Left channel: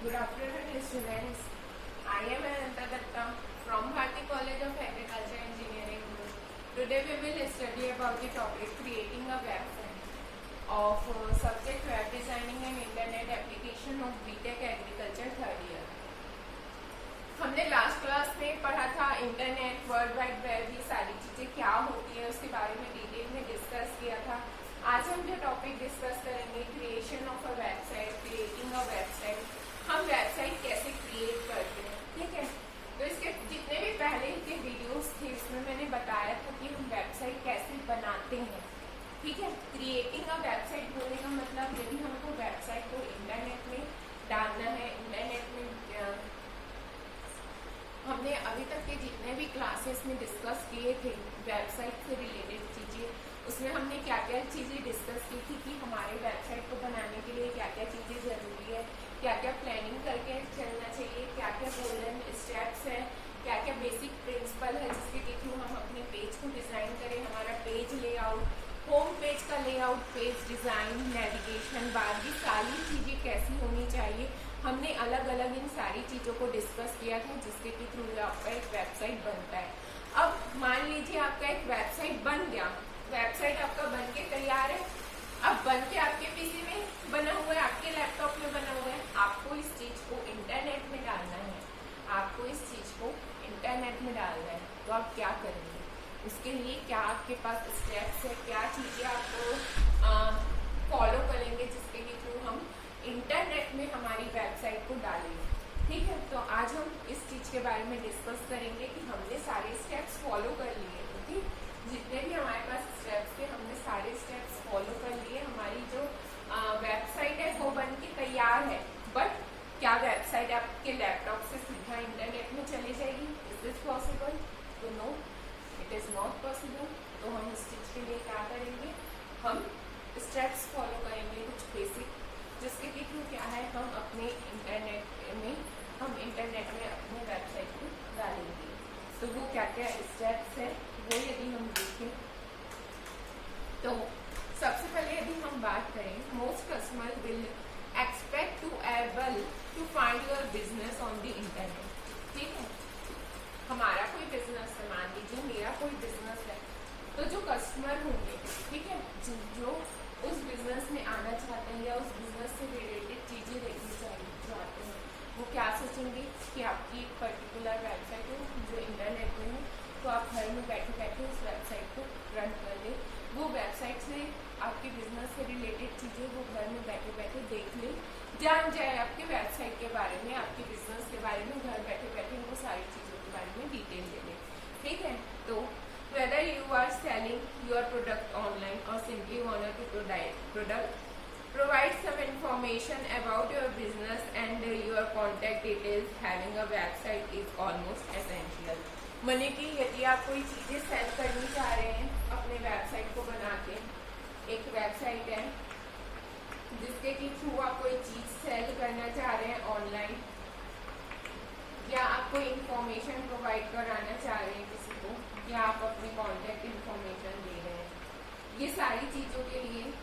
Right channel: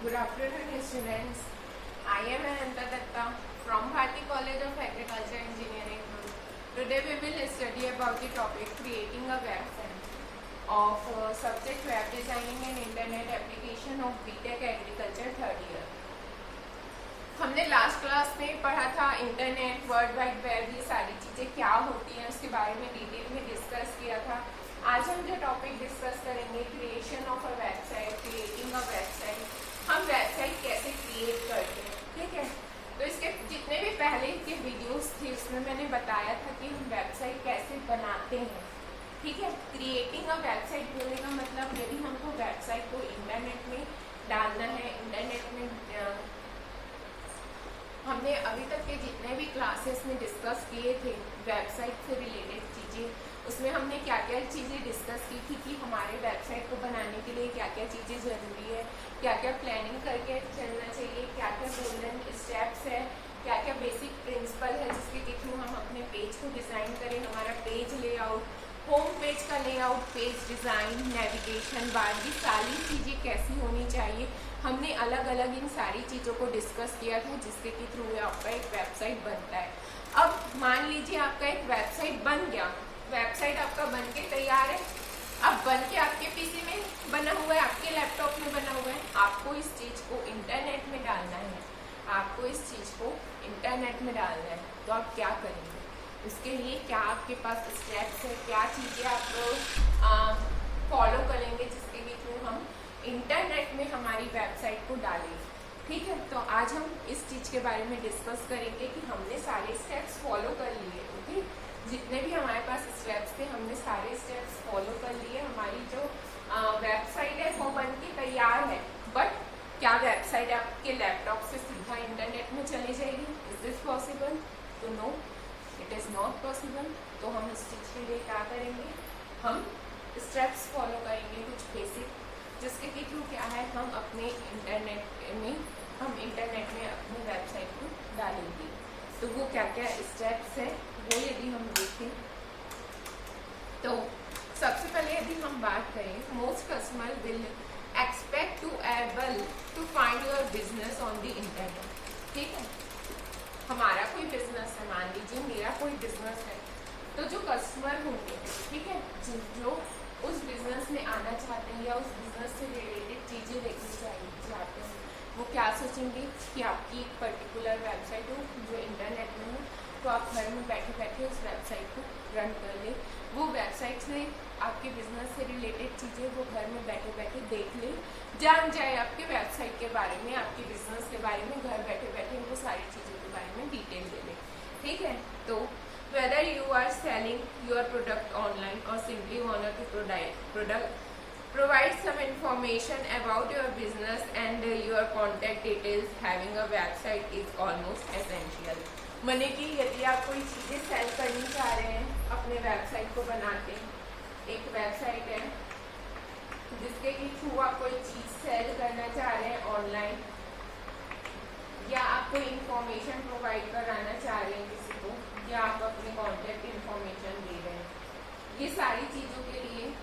Good afternoon, students. I am Ananta Datta from Bharati College of Agriculture Engineering. Today we will study about the topic creating a website of subject web designing and internet application of BTech Agriculture third year. हमने last class में पढ़ा था internet, world wide web, ये सारी चीजें क्या होती हैं उसके बारे में डिटेल में डिस्कस किया था। आज हम जो टॉपिक डिस्कस करेंगे creation of a website, creating a website, हम वेबसाइट कैसे क्रिएट करते हैं। ठीक है, तो इसके जितने भी पहले के वीडियोस थे इसमें मैंने बताया था कि हम वेबसाइट कैसे बनाते हैं। ठीक है, क्रिएटिंग अ वेबसाइट बोलने का मतलब यदि हमको वेबसाइट को इंटरनेट में डालना है, इंटरनेट में हमने अभी तक के जितने भी क्लासेस में डिस्कस किए थे वेबसाइट से रिलेटेड चीजें, उसमें हमने क्या क्या चीजें डिस्कस की थी कि हमारे वेबसाइट को बनाने के लिए क्या क्या चीजें जरूरी है, क्या क्या प्लानिंग करके चलना चाहिए, क्या क्या गोल्डन स्टेप्स है, क्या क्या बेसिक प्रिंसिपल है जिसके के थ्रू हम अपने पेज को डिजाइन करें, हमारा पेज लेआउट, होम पेज का layout, page design, navigation bar, ये सारी चीजें कैसी होनी चाहिए। हमने अलग अलग इन सारी चीजों को डिस्कस किया था जिसके के थ्रू आपका एक वेबसाइट बनता है। अब मान लीजिए आपका एक वेबसाइट बन गया, वेबसाइट आपका बन के तैयार है, अब बन के आपके पीसी में बना हुआ है, आपके लैपटॉप में बना हुआ है, आपको इस चीज को इंटरनेट में डालना है, आपको इस चीज को इंटरनेट में डालना है, तो आप क्या करेंगे? इसके लिए क्या आपके पास स्टेप्स है, क्या चीजें आप फॉलो करेंगे जिसके लिए थ्रू हम इंटरनेट में हमारी वेबसाइट को डालेंगे। ठीक है, तो आज हम इस चीज के बारे में डिस्कस करेंगे कि हमने सारे स्टेप्स फॉलो कर लिए। ओके, जितने भी हमारे पास स्टेप्स थे हमने सारे स्टेप्स फॉलो कर लिए, हमारी जो वेबसाइट है वो बन के तैयार है। बट क्या वेबसाइट आपके लैपटॉप से सीधा इंटरनेट में चली जाएगी? Is this possible? तो no, it is not possible. तो हम इस चीज के लिए क्या करेंगे, हम स्टेप्स फॉलो करेंगे कुछ बेसिक, जिसके के थ्रू क्या है हम अपने इंटरनेट में अपनी वेबसाइट को डालेंगे। तो वो क्या क्या स्टेप्स है वो यदि हम देखें तो सबसे पहले यदि हम बात करें, most customer will expect to able to find your business on the internet. ठीक है, हमारा कोई बिजनेस है, मान लीजिए मेरा कोई बिजनेस है, तो जो कस्टमर होंगे, ठीक है, जो उस बिजनेस में आना चाहते हैं या उस बिजनेस से रिलेटेड चीजें देखनी चाहते हैं, वो क्या सोचेंगे कि आपकी एक पर्टिकुलर वेबसाइट हो जो इंटरनेट में है, तो आप घर में बैठे बैठे उस वेबसाइट को रन कर लें, वो वेबसाइट से आपके बिजनेस से रिलेटेड चीजें वो घर में बैठे बैठे देख लें, जान जाए आपके वेबसाइट के बारे में, आपके बिजनेस के बारे में, घर बैठे बैठे वो सारी चीजों के बारे में डिटेल ले लें। ठीक है, तो whether you are selling your product online or simply want to provide some information about your business and your contact details, having a website is almost essential। माने कि यदि आप कोई चीजें सेल करनी चाह रहे हैं, अपने वेबसाइट को बनाते हैं, एक वेबसाइट है जिसके के थ्रू आप कोई चीज सेल करना चाह रहे हैं ऑनलाइन, या आप कोई इंफॉर्मेशन प्रोवाइड कराना चाह रहे हैं किसी को, या आप अपनी कॉन्टेक्ट इंफॉर्मेशन दे रहे हैं, ये सारी चीजों के लिए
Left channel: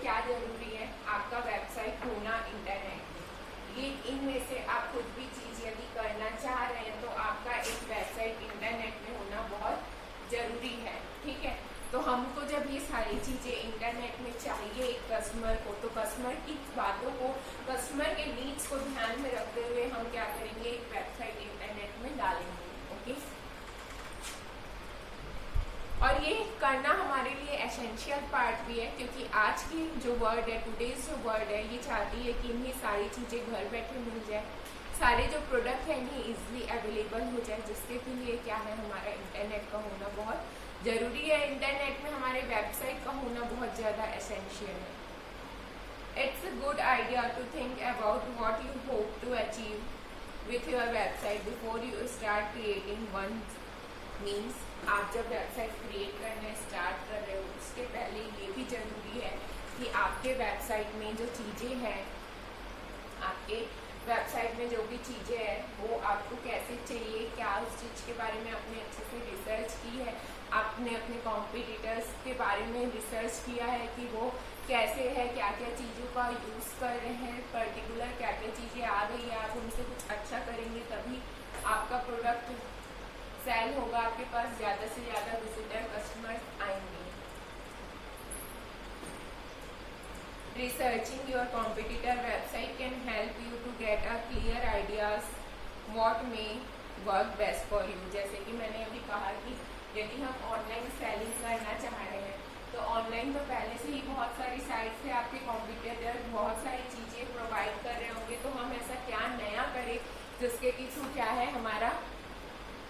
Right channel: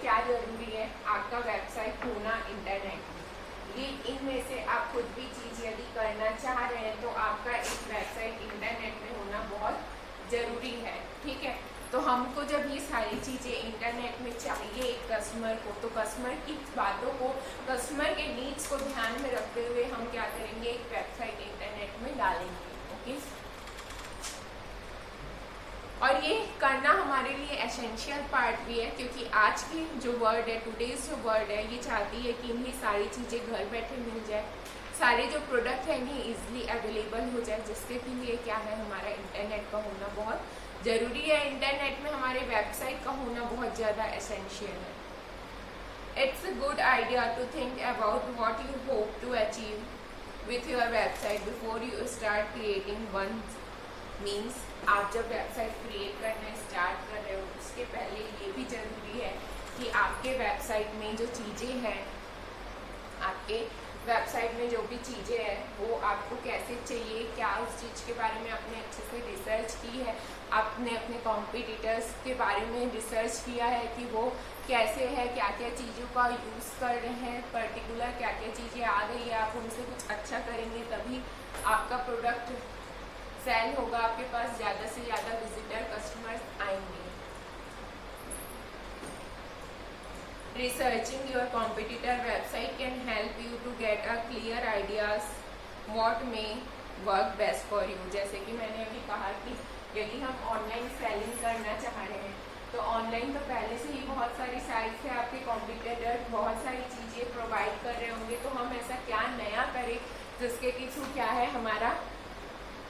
क्या जरूरी है? आपका वेबसाइट होना इंटरनेट में। ये इनमें से आप कुछ भी चीज यदि करना चाह रहे हैं तो आपका एक वेबसाइट इंटरनेट में होना बहुत जरूरी है। ठीक है, तो हमको जब ये सारी चीजें इंटरनेट में चाहिए एक कस्टमर को, तो कस्टमर की बातों को, कस्टमर के नीड्स को ध्यान में रखते हुए हम क्या करेंगे, एक वेबसाइट इंटरनेट में डालेंगे। ओके, और ये करना हमारे लिए एसेंशियल पार्ट भी है, क्योंकि आज की जो वर्ल्ड है, टुडेज जो वर्ल्ड है, ये चाहती है कि इन्हें सारी चीजें घर बैठे मिल जाए, सारे जो प्रोडक्ट है इन्हें इजिली अवेलेबल हो जाए, जिसके के लिए क्या है हमारा इंटरनेट का होना बहुत जरूरी है। इंटरनेट में हमारे वेबसाइट का होना बहुत ज्यादा एसेंशियल है। It's a good idea to think about what you hope to achieve with your website before you start creating one. Means आप जब वेबसाइट क्रिएट करने स्टार्ट कर रहे हो उसके पहले ये भी जरूरी है कि आपके वेबसाइट में जो चीजें हैं, आपके वेबसाइट में जो भी चीज़ें हैं वो आपको कैसे चाहिए, क्या उस चीज़ के बारे में आपने अच्छे से रिसर्च की है, आपने अपने कॉम्पिटिटर्स के बारे में रिसर्च किया है कि वो कैसे है, क्या क्या चीज़ों का यूज़ कर रहे हैं, पर्टिकुलर क्या क्या चीज़ें आ गई है, आप उनसे कुछ अच्छा करेंगे तभी आपका प्रोडक्ट सेल होगा, आपके पास ज़्यादा से ज़्यादा विजिटर कस्टमर्स आएंगे। Researching your competitor website can help you to get a clear ideas what may work best for you। जैसे कि मैंने अभी कहा कि यदि हम ऑनलाइन सेलिंग करना चाह रहे हैं तो ऑनलाइन तो पहले से ही बहुत सारी साइट्स है, आपके कॉम्पिटिटर बहुत सारी चीज़ें प्रोवाइड कर रहे होंगे, तो हम ऐसा क्या नया करें जिसके कि थ्रू क्या है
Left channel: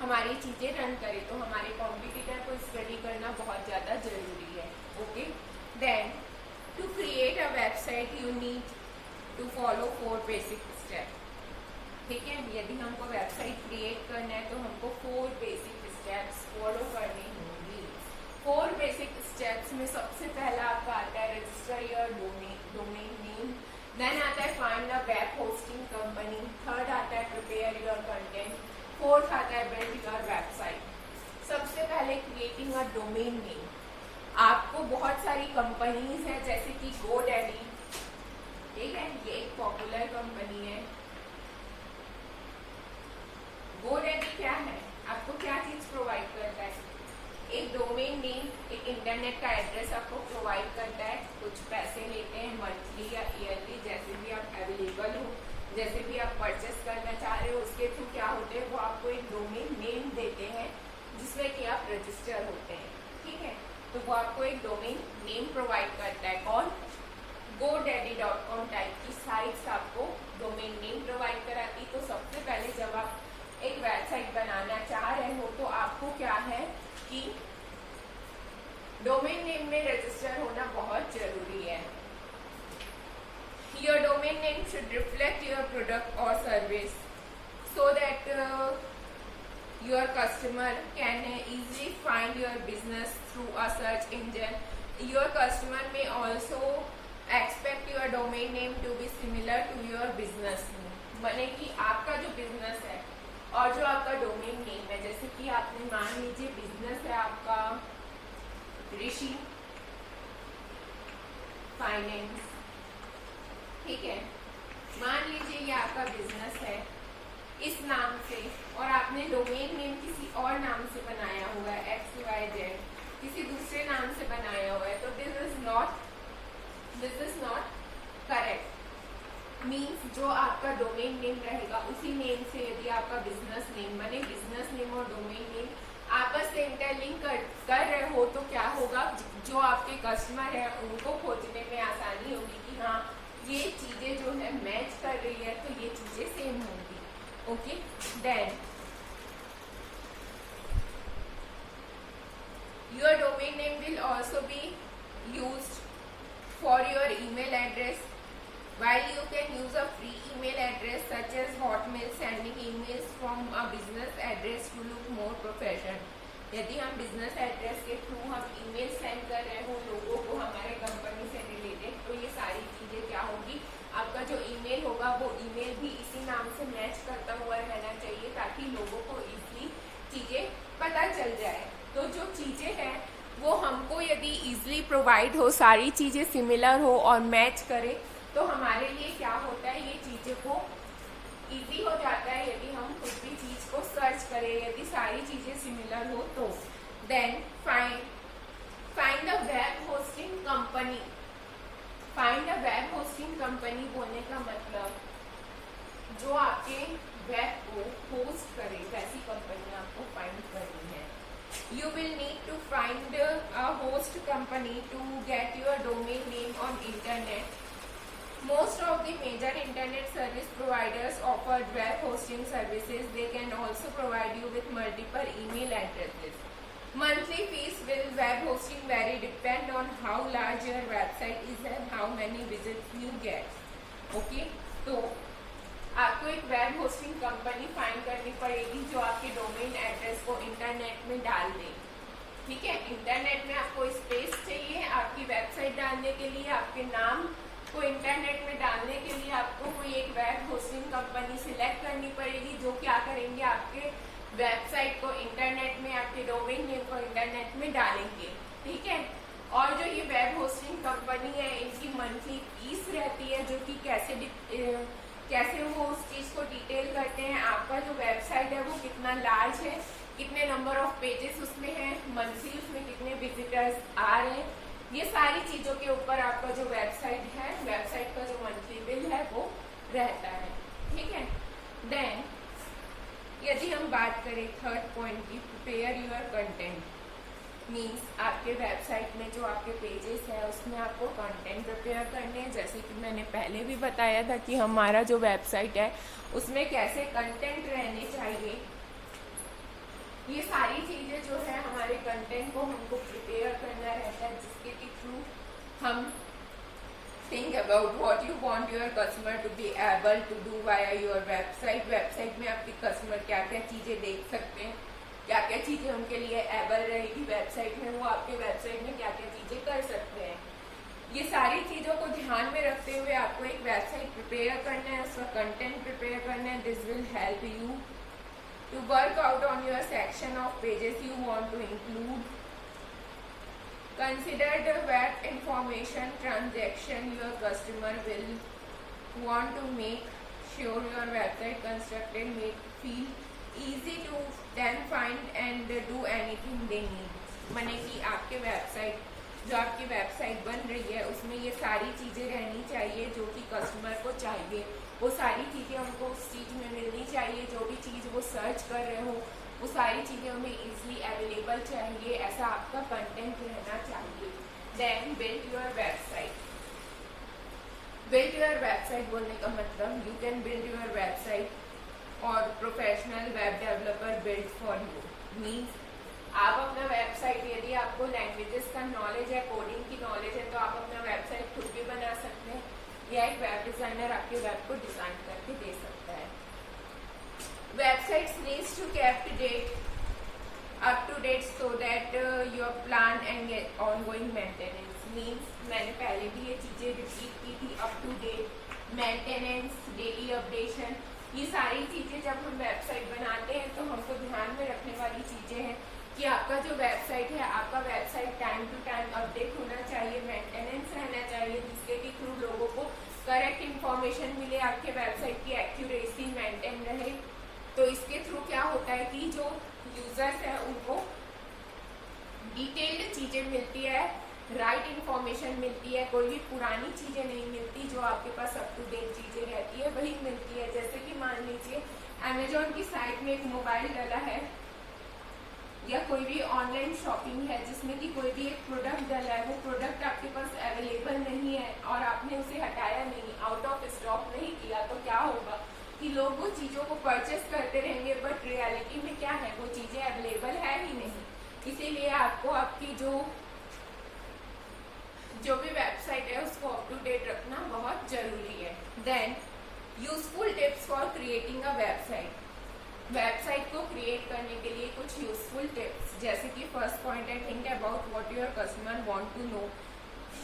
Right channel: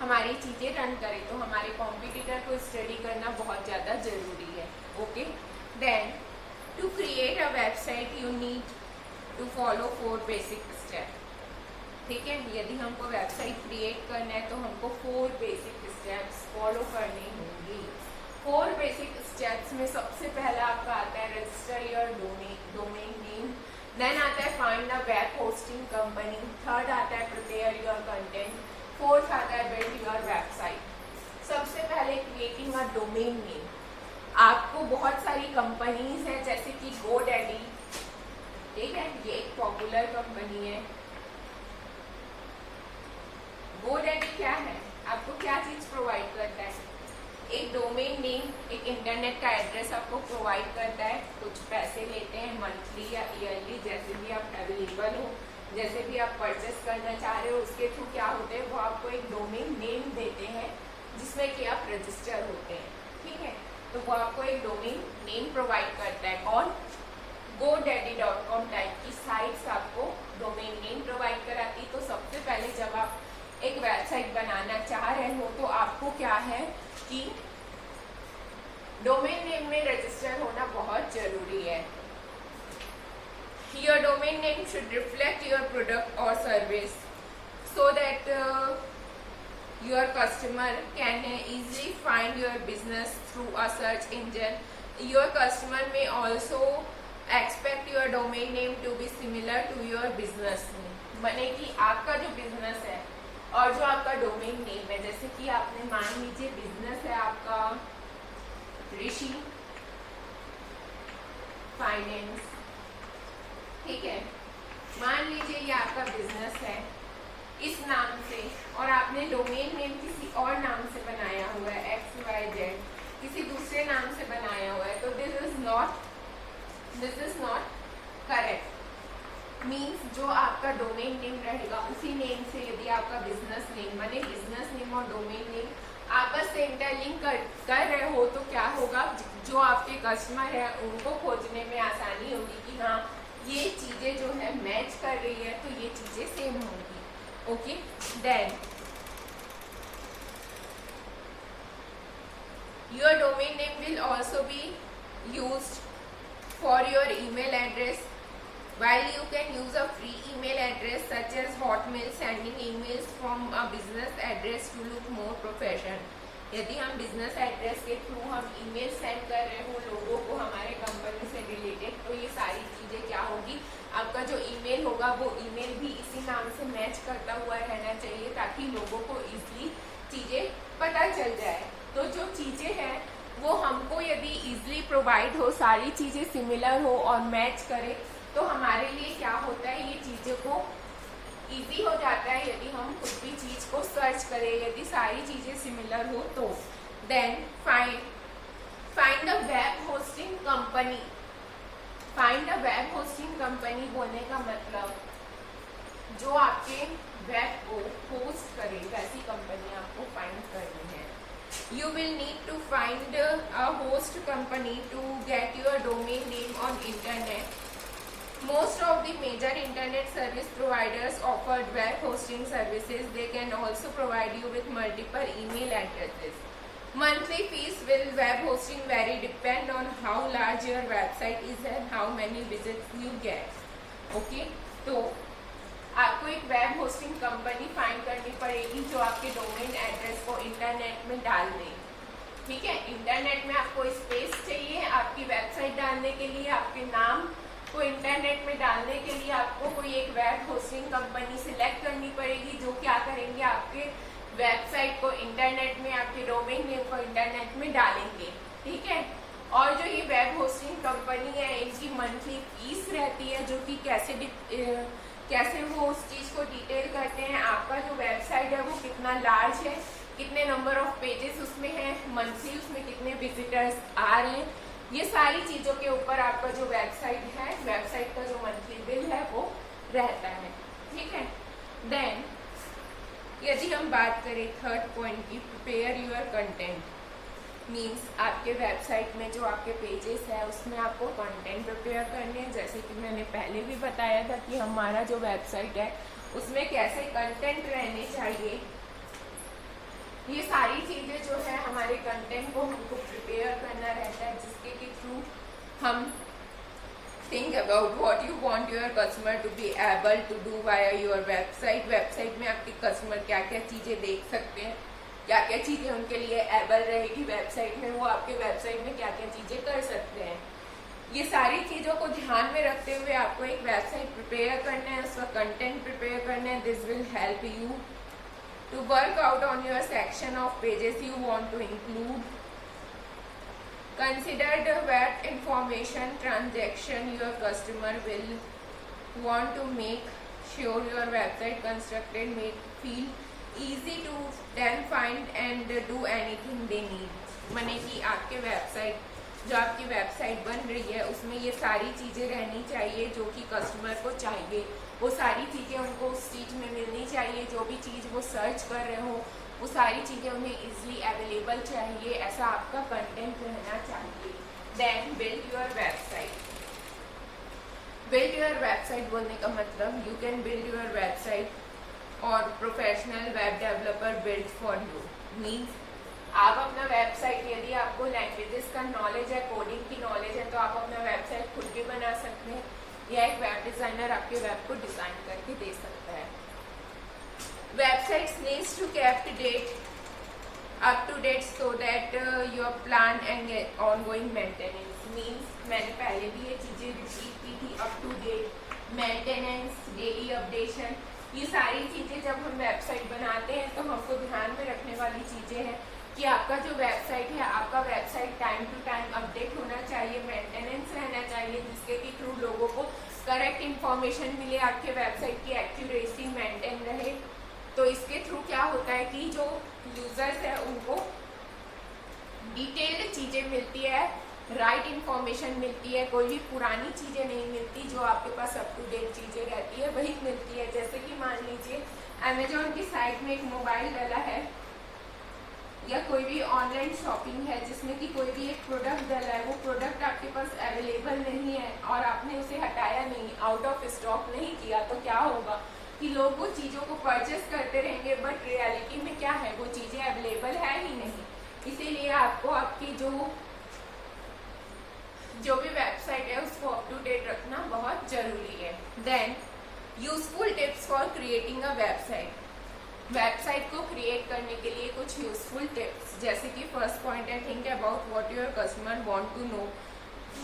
हमारी चीज़ें रन करें। तो हमारे कॉम्पिटिटर को स्टडी करना बहुत ज़्यादा ज़रूरी है। Okay, then to create a website you need to follow 4 basic steps। ठीक है, यदि हमको वेबसाइट क्रिएट करना है तो हमको 4 बेसिक स्टेप्स फॉलो करने होंगे। 4 बेसिक स्टेप्स में सबसे पहला आपका आता है register your domain name, then आता है find a web hosting company, third आता है प्रिपेयर योर कंटेंट, फोर्थ आता है बिल्ड योर वेबसाइट। सबसे पहले क्रिएटिंग अ डोमेन नेम। आपको बहुत सारी कंपनीज हैं जैसे कि GoDaddy, ठीक है, ये एक पॉपुलर कंपनी है। GoDaddy क्या है, आपको क्या चीज प्रोवाइड करता है? एक डोमेन नेम, एक इंटरनेट का एड्रेस आपको प्रोवाइड करता है, कुछ पैसे लेते हैं मंथली या ईयरली, जैसे भी आप अवेलेबल हो, जैसे भी आप परचेस करना चाह रहे हो उसके थ्रू क्या होते हैं, वो आपको एक डोमेन नेम देते हैं जिसमें कि आप रजिस्टर होते हैं। ठीक है, तो वो आपको एक डोमेन नेम प्रोवाइड करता है। कौन? GoDaddy.com टाइप की साइट्स आपको डोमेन नेम प्रोवाइड कराती। तो सबसे पहले जब आप एक वेबसाइट बनाना चाह रहे हो तो आपको क्या है कि डोमेन नेम में रजिस्टर होना बहुत जरूरी है। Your domain name should reflect your product or service so that your customer can easily find your business through a search engine। Your customer may also expect your domain name to be similar to your business name। माने कि आपका जो business है और जो आपका domain name है, जैसे कि आपने मान लीजिए बिजनेस है आपका ऋषि फाइनेंस, ठीक है, मान लीजिए ये आपका बिजनेस है इस नाम से और आपने डोमेन नेम किसी और नाम से बनाया हुआ है, XYZ किसी दूसरे नाम से बनाया हुआ है, तो this is not correct. Means जो आपका डोमेन नेम रहेगा उसी नेम से यदि आपका बिजनेस नेम, माने बिजनेस नेम और डोमेन नेम आपस से इंटरलिंक कर रहे हो तो क्या होगा, जो आपके कस्टमर है उनको खोजने में आसानी होगी कि हाँ ये चीजें जो है मैच कर रही है, तो ये चीजें सेम होंगी। Okay, then your domain name will also be used for your email address। While you can use a free email address such as Hotmail, sending emails from a business address to look more professional। यदि हम business address के through हम email send कर रहे हो लोगों को हमारे कंपनी से रिलेटेड, तो ये सारी चीजें क्या होगी, आपका जो ईमेल होगा वो ईमेल भी इसी नाम से मैच करता हुआ रहना चाहिए ताकि लोगों को इजीली चीजें पता चल जाए। तो जो चीजें हैं वो हमको यदि इजीली प्रोवाइड हो, सारी चीजें सिमिलर हो और मैच करे, तो हमारे लिए क्या होता है, ये चीजों को इजी हो जाता है यदि हम कुछ भी चीज को सर्च करें, यदि सारी चीजें सिमिलर हो तो। Then find the web hosting company. Find the web hosting company बोलने का मतलब जो आपके वेब को होस्ट करे वैसी कंपनी आपको फाइंड करनी है। You will need to find a host company to get your domain name on internet। Most of the major internet service providers offer web hosting services। They can also provide you with multiple email addresses। Monthly fees will web hosting vary depend on how large your website is and how many visits you get। Okay, तो आपको एक web hosting company find करनी पड़ेगी जो आपके domain address को internet में डाल दे। ठीक है, इंटरनेट में आपको स्पेस चाहिए आपकी वेबसाइट डालने के लिए, आपके नाम को इंटरनेट में डालने के लिए आपको कोई एक वेब होस्टिंग कंपनी सिलेक्ट करनी पड़ेगी, जो क्या करेंगे आपके वेबसाइट को इंटरनेट में, आपके डोमेन नेम को इंटरनेट में डालेंगे, ठीक है। और जो ये वेब होस्टिंग कंपनी है, इनकी मंथली फीस रहती है, जो कि कैसे वो उस चीज को डिटेल करते हैं, आपका जो वेबसाइट है वो कितना लार्ज है, कितने नंबर ऑफ पेजेस उसमें है, मंथली उसमें कितने विजिटर्स आ रहे हैं, ये सारी चीजों के ऊपर आपका जो वेबसाइट है, वेबसाइट का जो मंथली बिल है वो रहता है, ठीक है। देन यदि हम बात करें थर्ड पॉइंट की, प्रिपेयर योर कंटेंट, मीन्स आपके वेबसाइट में जो आपके पेजेस है उसमें आपको कंटेंट प्रिपेयर करने हैं। जैसे कि मैंने पहले भी बताया था कि हमारा जो वेबसाइट है उसमें कैसे कंटेंट रहने चाहिए, ये सारी चीजें जो है हमारे कंटेंट को हमको प्रिपेयर करना रहता है, जिसके के थ्रू हम think about what you want your customer to be able to do via your website. Website में आपके कस्टमर क्या क्या चीजें देख सकते हैं, क्या क्या चीजें उनके लिए एबल रहेगी वेबसाइट में, वो आपके वेबसाइट में क्या क्या चीजें कर सकते हैं। ये सारी चीजों को ध्यान में रखते हुए आपको एक वेबसाइट प्रिपेयर करना है, उसका कंटेंट प्रिपेयर करना है। This will help you to work out on your section of pages you want to include. Consider the what information transaction your customer will want to make sure your website constructed make feel easy to then find and do anything they need. माने कि आपके website, जो आपकी website बन रही है उसमें ये सारी चीजें रहनी चाहिए जो कि कस्टमर को चाहिए, वो सारी चीजें उनको उस चीज में मिलनी चाहिए, जो भी चीज वो सर्च कर रहे हो वो सारी चीजें उन्हें इजीली अवेलेबल चाहिए, ऐसा आपका कंटेंट रहना चाहिए। Then build your website. Build your website बोलने का मतलब you can build your website और professional web developer build for you. Means आप अपना वेबसाइट, यदि आपको लैंग्वेजेस का नॉलेज है, कोडिंग की नॉलेज है, तो आप अपना वेबसाइट खुद भी बना सकते हैं या एक वेब डिजाइनर आपके वेब को डिजाइन करके दे सकता है। Websites needs to kept up to date so that your plan and ongoing maintenance means, मैंने पहले भी ये चीजें रिपीट की थी, up to date, maintenance, daily updation, ये सारी चीजें जब हम वेबसाइट बनाते हैं तो हमको ध्यान में रखने वाली चीजें हैं कि आपका जो वेबसाइट है, आपका website time to time update होना चाहिए, मेंटेनेंस रहना चाहिए, जिसके के थ्रू लोगों को करेक्ट इंफॉर्मेशन मिले, आपके वेबसाइट की एक्यूरेसी मेंटेन रहे। तो इसके थ्रू क्या होता है कि जो यूजर्स है उनको डिटेल्ड चीजें मिलती है, राइट इंफॉर्मेशन मिलती है, कोई भी पुरानी चीजें नहीं मिलती, जो आपके पास अप टू डेट चीजें रहती है वही मिलती है। जैसे कि मान लीजिए अमेजोन की साइट में एक मोबाइल डाला है या कोई भी ऑनलाइन शॉपिंग है जिसमें कि कोई भी एक प्रोडक्ट डाला है, वो प्रोडक्ट आपके पास अवेलेबल नहीं है और आपने उसे हटाया नहीं, आउट ऑफ स्टॉक नहीं किया, तो क्या होगा कि लोग वो चीजों को परचेस करते रहेंगे, बट रियलिटी में क्या है, वो चीजें अवेलेबल है ही नहीं। इसीलिए आपको आपकी जो भी वेबसाइट है उसको अप टू डेट रखना बहुत जरूरी है। Then useful tips for creating a website. Website को क्रिएट करने के लिए कुछ यूजफुल टिप्स, जैसे कि फर्स्ट पॉइंट है, think about what your customer want to know,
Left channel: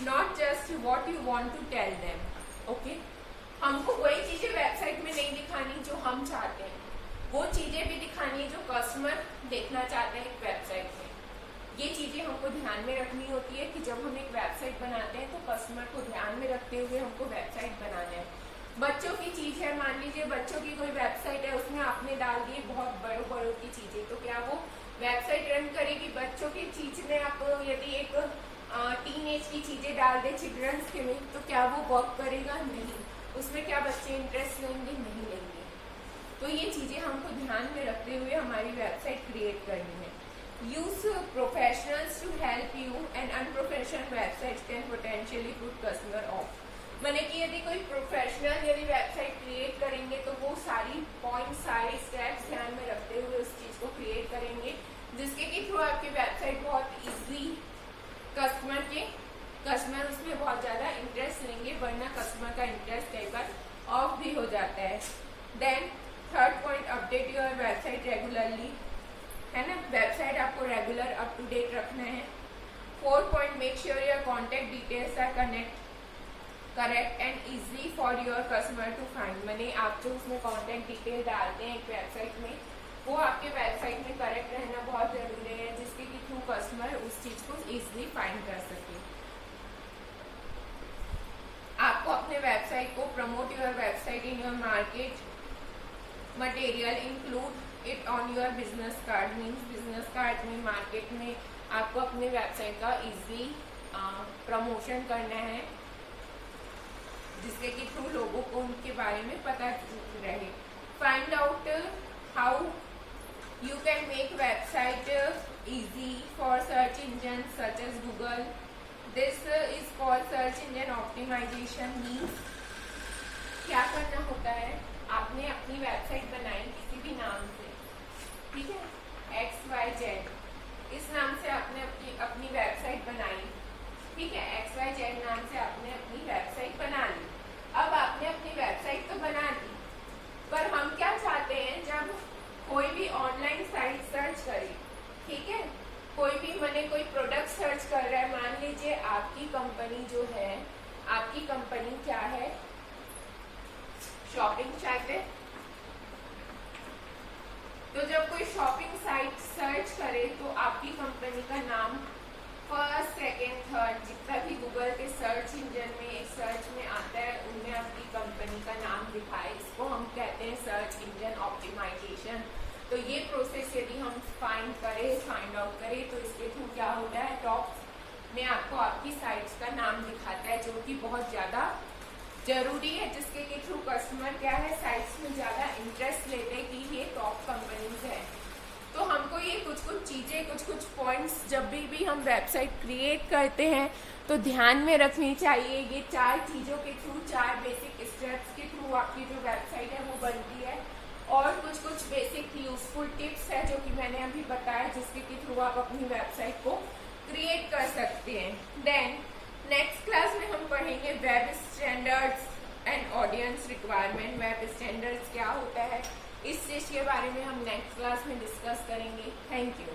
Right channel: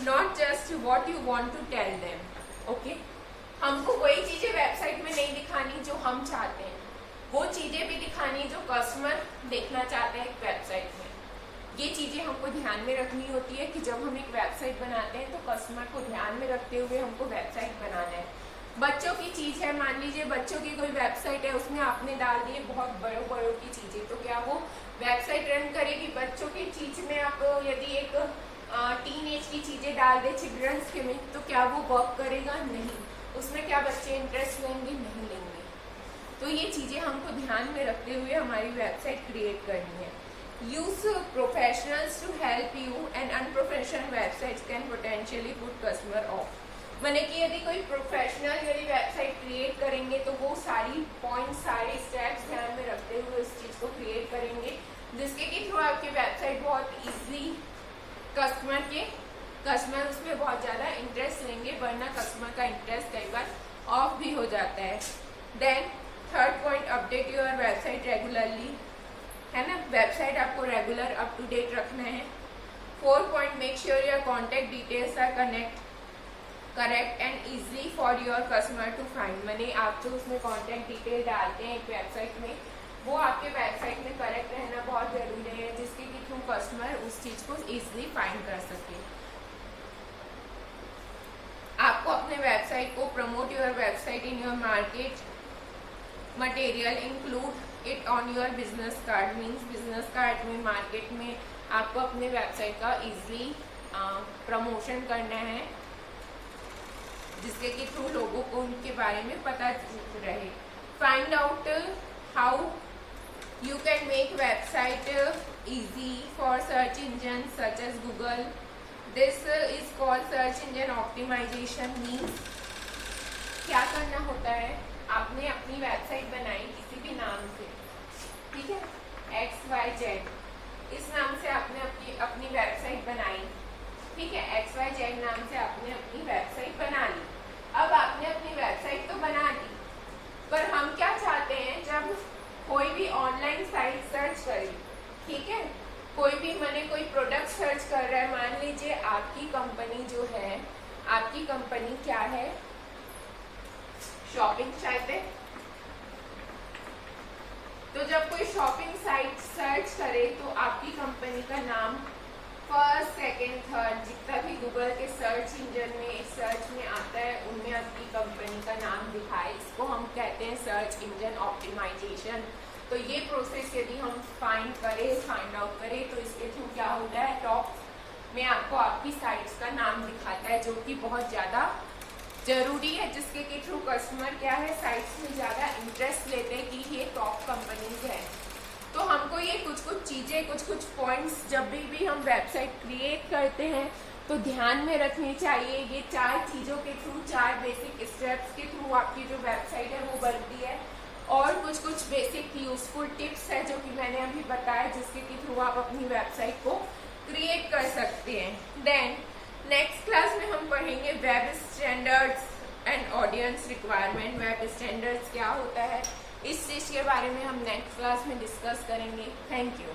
not just what you want to tell them. Okay, हमको वही चीजें वेबसाइट में नहीं दिखानी जो हम चाहते हैं, वो चीजें भी दिखानी जो कस्टमर देखना चाहते हैं एक वेबसाइट में। ये चीजें हमको ध्यान में रखनी होती है कि जब हम एक वेबसाइट बनाते हैं तो कस्टमर को ध्यान में रखते हुए हमको वेबसाइट बनाना है। बच्चों की चीज है, मान लीजिए बच्चों की कोई वेबसाइट है, उसमें आपने डाल दिए बहुत बड़ों की चीजें, तो क्या वो वेबसाइट रन करेगी? बच्चों की चीज में आप यदि एक टीन एज की चीजें डाल दे चिल्ड्रंस के में, तो क्या वो वर्क करेगा? नहीं। उसमें क्या बच्चे इंटरेस्ट लेंगे? नहीं लेंगे। तो ये चीजें हमको ध्यान में रखते हुए हमारी वेबसाइट क्रिएट करनी है। Use professionals to help you and unprofessional website can potentially put customer off. मैंने कि यदि कोई प्रोफेशनल यदि वेबसाइट क्रिएट करेंगे तो वो सारी पॉइंट्स, सारे स्टेप्स ध्यान में रखते हुए उस चीज को क्रिएट करेंगे, जिसके के थ्रू आपकी वेबसाइट बहुत इजीली कस्टमर उसमें बहुत ज्यादा इंटरेस्ट लेंगे, वरना कस्टमर का इंटरेस्ट कई बार ऑफ भी हो जाता है। Then third point, update your website regularly, है ना, वेबसाइट आपको रेगुलर अप टू डेट रखना है। 4 point, make sure your contact details are connect, correct and easy for your customer to find. मैंने आप जो उसमें कॉन्टेक्ट डिटेल डालते हैं एक वेबसाइट में, वो आपके वेबसाइट में करेक्ट रहना बहुत जरूरी है, जिसके कि थ्रू कस्टमर उस चीज को इजीली फाइंड कर सके। आपको अपने वेबसाइट को promote your website in your market material, include it on your business card. Means business card में, मार्केट में आपको अपने वेबसाइट का इजीली प्रमोशन करना है, जिसके कि थ्रू लोगों को उनके बारे में पता रहे। Find out how you can make website easy for search engines such as Google. This is called search engine optimization. Means क्या करना होता है, आपने अपनी वेबसाइट बनाई किसी भी नाम से, ठीक है, XYZ इस नाम से आपने अपनी वेबसाइट बनाई, ठीक है, XYZ नाम से आपने अपनी वेबसाइट बना ली। अब आपने अपनी वेबसाइट तो बना ली, पर हम क्या चाहते हैं, जब कोई भी ऑनलाइन साइट सर्च करे, ठीक है, कोई भी मैंने कोई प्रोडक्ट सर्च कर रहा है, मान लीजिए आपकी कंपनी जो है, आपकी कंपनी क्या है, शॉपिंग साइट है, तो जब कोई शॉपिंग साइट सर्च करे तो आपकी कंपनी का नाम फर्स्ट, सेकंड, थर्ड जितना भी गूगल के सर्च इंजन में सर्च में आता है उनमें आपकी कंपनी का नाम दिखाए। इसको हम कहते हैं सर्च इंजन ऑप्टिमाइजेशन। तो ये प्रोसेस यदि हम फाइंड आउट करें तो इसके थ्रू क्या होता है, टॉप में आपको आपकी साइट्स का नाम दिखाता है, जो कि बहुत ज्यादा जरूरी है, जिसके के थ्रू कस्टमर क्या है, साइट्स में ज्यादा इंटरेस्ट लेते हैं कि ये टॉप कंपनीज है। तो हमको ये कुछ चीजें, कुछ पॉइंट्स जब भी हम वेबसाइट क्रिएट करते हैं तो ध्यान में रखनी चाहिए। ये 4 चीजों के थ्रू, 4 बेसिक स्टेप्स के थ्रू आपकी जो वेबसाइट है वो बनती है, और कुछ बेसिक यूजफुल टिप्स है जो कि मैंने अभी बताया, जिसके के थ्रू आप अपनी वेबसाइट को क्रिएट कर सकते हैं। देन नेक्स्ट क्लास में हम पढ़ेंगे web standards and audience requirement. Web standards क्या होता है, इस चीज के बारे में हम नेक्स्ट क्लास में डिस्कस करेंगे। Thank you.